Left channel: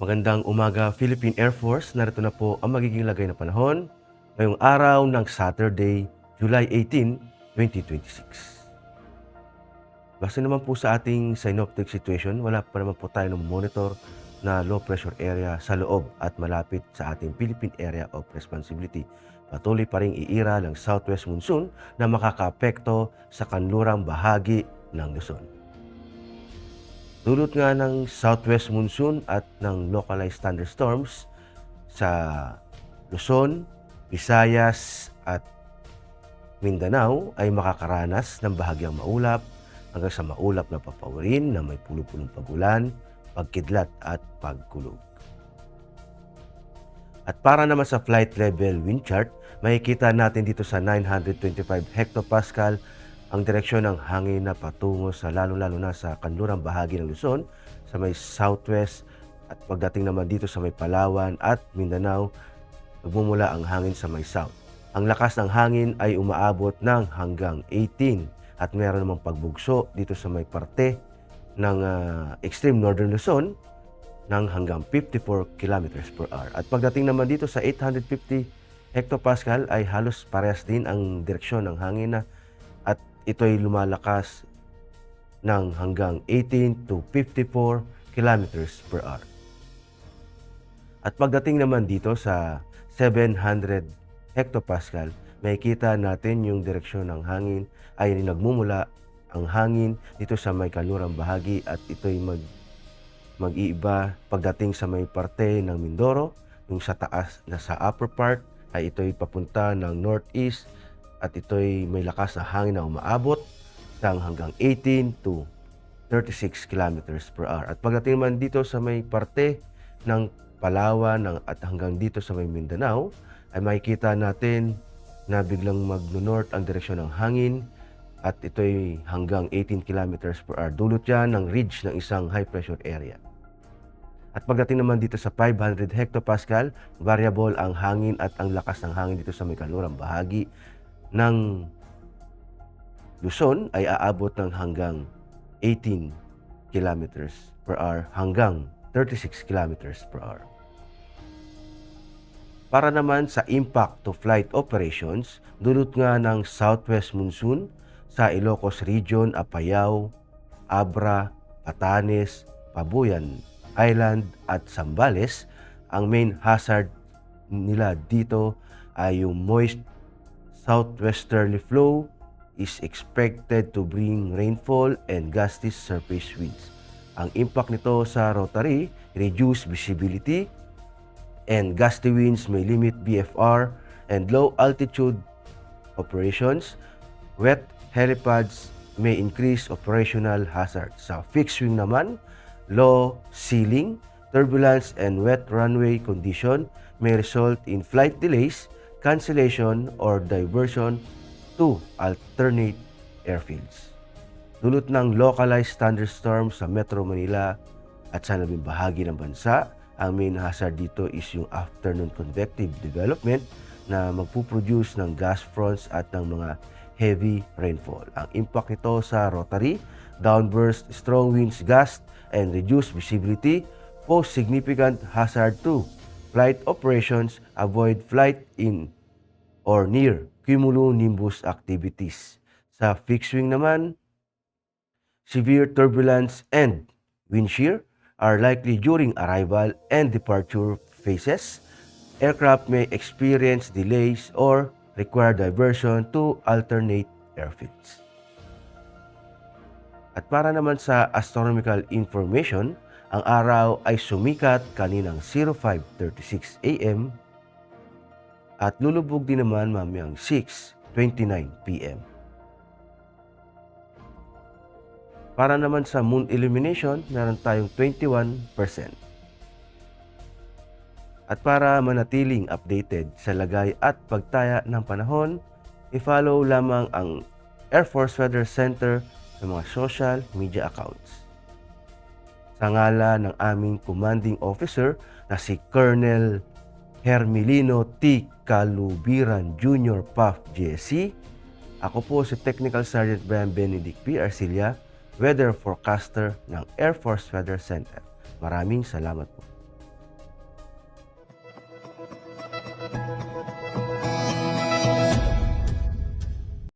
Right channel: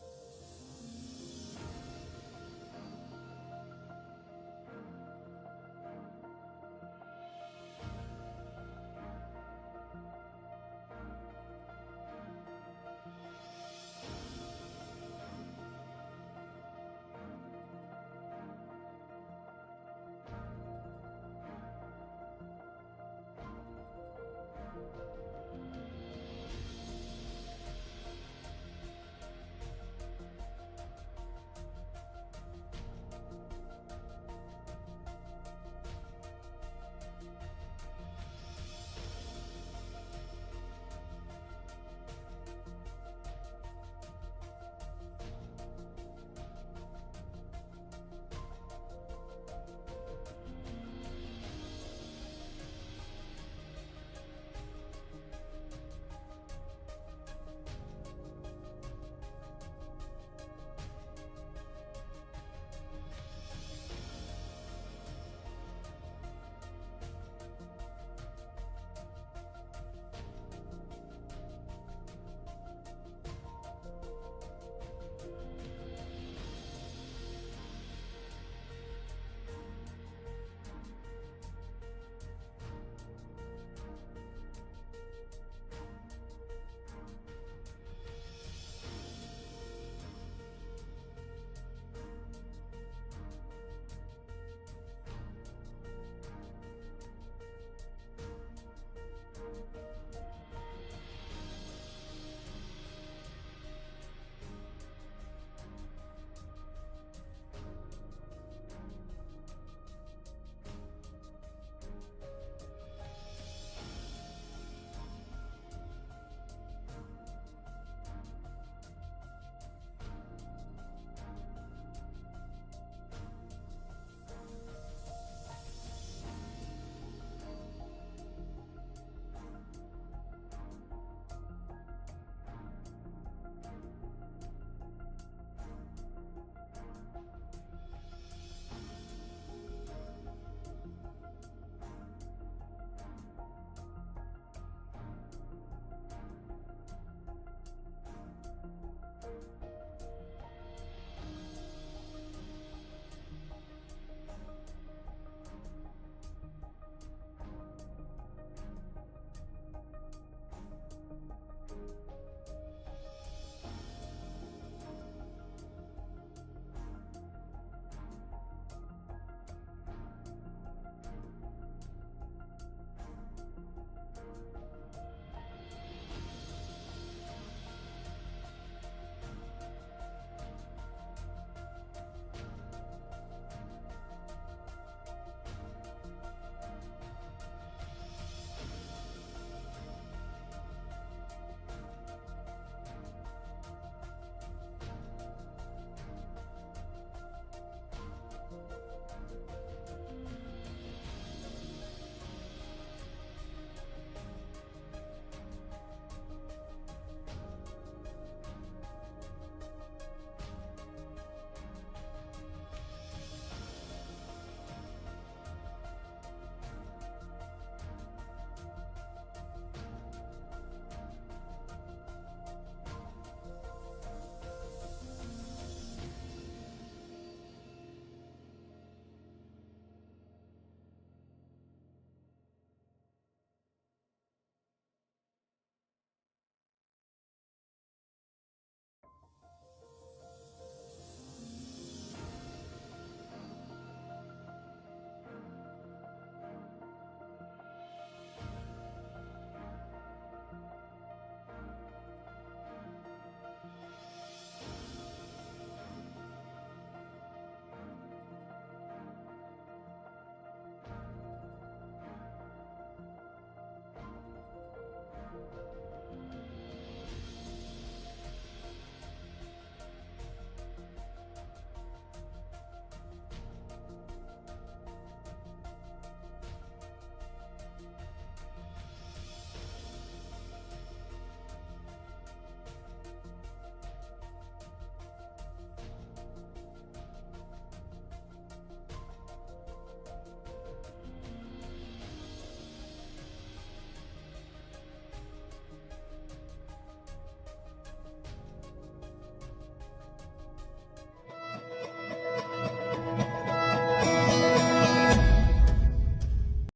Magandang umaga, Philippine Air Force. Narito na po ang magiging lagay ng panahon ngayong araw ng Saturday, July 18, 2026. Base naman po sa ating synoptic situation, wala pa naman po tayo ng monitor na low pressure area sa loob at malapit sa ating Philippine Area of Responsibility. Patuloy pa rin iira ng southwest monsoon na makakaapekto sa kanlurang bahagi ng Luzon. Dulot nga ng southwest monsoon at ng localized thunderstorms sa Luzon, Visayas at Mindanao ay makakaranas ng bahagyang maulap hanggang sa maulap na papawirin na may pulo-pulong pagulan, pagkidlat at pagkulog. At para naman sa flight level wind chart, makikita natin dito sa 925 hectopascal ang direksyon ng hangin na patungo sa lalo-lalo na sa kanlurang bahagi ng Luzon, sa may southwest, at pagdating naman dito sa may Palawan at Mindanao, nagmumula ang hangin sa may south. Ang lakas ng hangin ay umaabot ng hanggang 18 at meron namang pagbugso dito sa may parte ng extreme northern Luzon ng hanggang 54 kilometers per hour. At pagdating naman dito sa 850 hectopascal ay halos parehas din ang direksyon ng hangin na at ito'y lumalakas ng hanggang 18 to 54 kilometers per hour. At pagdating naman dito sa 700 hectopascal, makikita natin yung direksyon ng hangin ay nagmumula ang hangin dito sa may kanlurang bahagi at ito'y mag-iiba pagdating sa may parte ng Mindoro, yung sa taas na sa upper part ay ito'y papunta ng northeast at ito'y may lakas na hangin na umaabot ng hanggang 18 to 36 kilometers per hour. At pagdating naman dito sa may parte ng Palawan at hanggang dito sa may Mindanao, ay makikita natin na biglang mag-north ang direksyon ng hangin at ito'y hanggang 18 kilometers per hour. Dulot yan ng ridge ng isang high pressure area. At pagdating naman dito sa 500 hectopascal, variable ang hangin at ang lakas ng hangin dito sa may kanlurang bahagi ng Luzon ay aabot ng hanggang 18 kilometers per hour hanggang 36 kilometers per hour. Para naman sa impact to flight operations, dulot nga ng southwest monsoon sa Ilocos Region, Apayao, Abra, Batanes, Pabuyan Island at Zambales. Ang main hazard nila dito ay yung moist southwesterly flow is expected to bring rainfall and gusty surface winds. Ang impact nito sa Rotary, reduced visibility, and gusty winds may limit BFR and low altitude operations. Wet helipads may increase operational hazard. Sa fixed wing naman, low ceiling, turbulence, and wet runway condition may result in flight delays, cancellation, or diversion to alternate airfields. Dulot ng localized thunderstorms sa Metro Manila at sa labing bahagi ng bansa, ang main hazard dito is yung afternoon convective development na magpuproduce ng gas fronts at ng mga heavy rainfall. Ang impact nito sa Rotary, downburst, strong winds, gust, and reduced visibility pose significant hazard to flight operations. Avoid flight in or near cumulonimbus activities. Sa fixed wing naman, severe turbulence and wind shear are likely during arrival and departure phases. Aircraft may experience delays or require diversion to alternate airfields. At para naman sa astronomical information, ang araw ay sumikat kaninang 05:36 AM at lulubog din naman mamayang 6:29 PM. Para naman sa moon illumination, meron tayong 21%. At para manatiling updated sa lagay at pagtaya ng panahon, i-follow lamang ang Air Force Weather Center sa mga social media accounts. Sa ngalan ng aming commanding officer na si Colonel Hermelino T. Calubiran Jr. PAF GSC, ako po si Technical Sergeant Brian Benedict P. Arcilla, Weather Forecaster ng Air Force Weather Center. Maraming salamat po.